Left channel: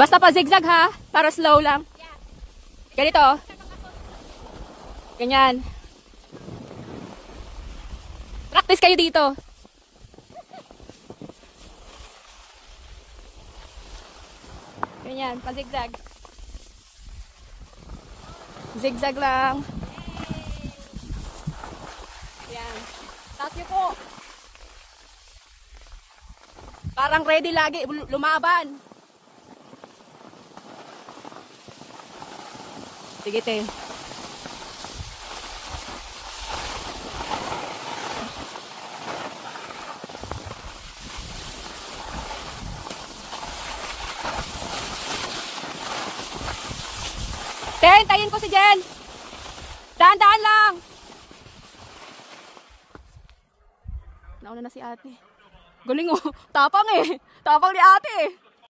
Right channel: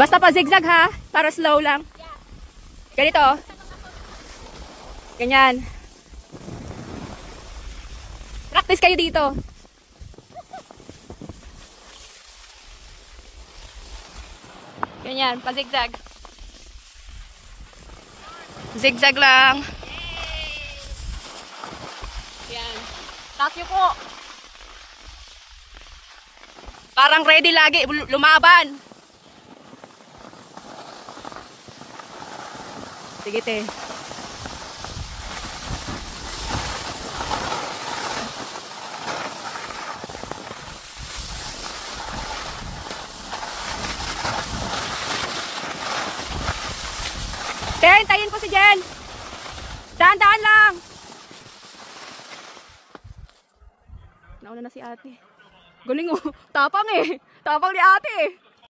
Basta pa zigzag ha, para slow lang. Ganito. Ganyan. Practice kayo dito. Ganyan, pa zigzag. Zigzag lang. Yan. Taas niyo po. Parang ready lagi, lumaban. Sige te. Tayin ko si Jen. Daan-daan lang. Nauna na si ate. Galing oh. Tapang eh. Tapang ni ate eh.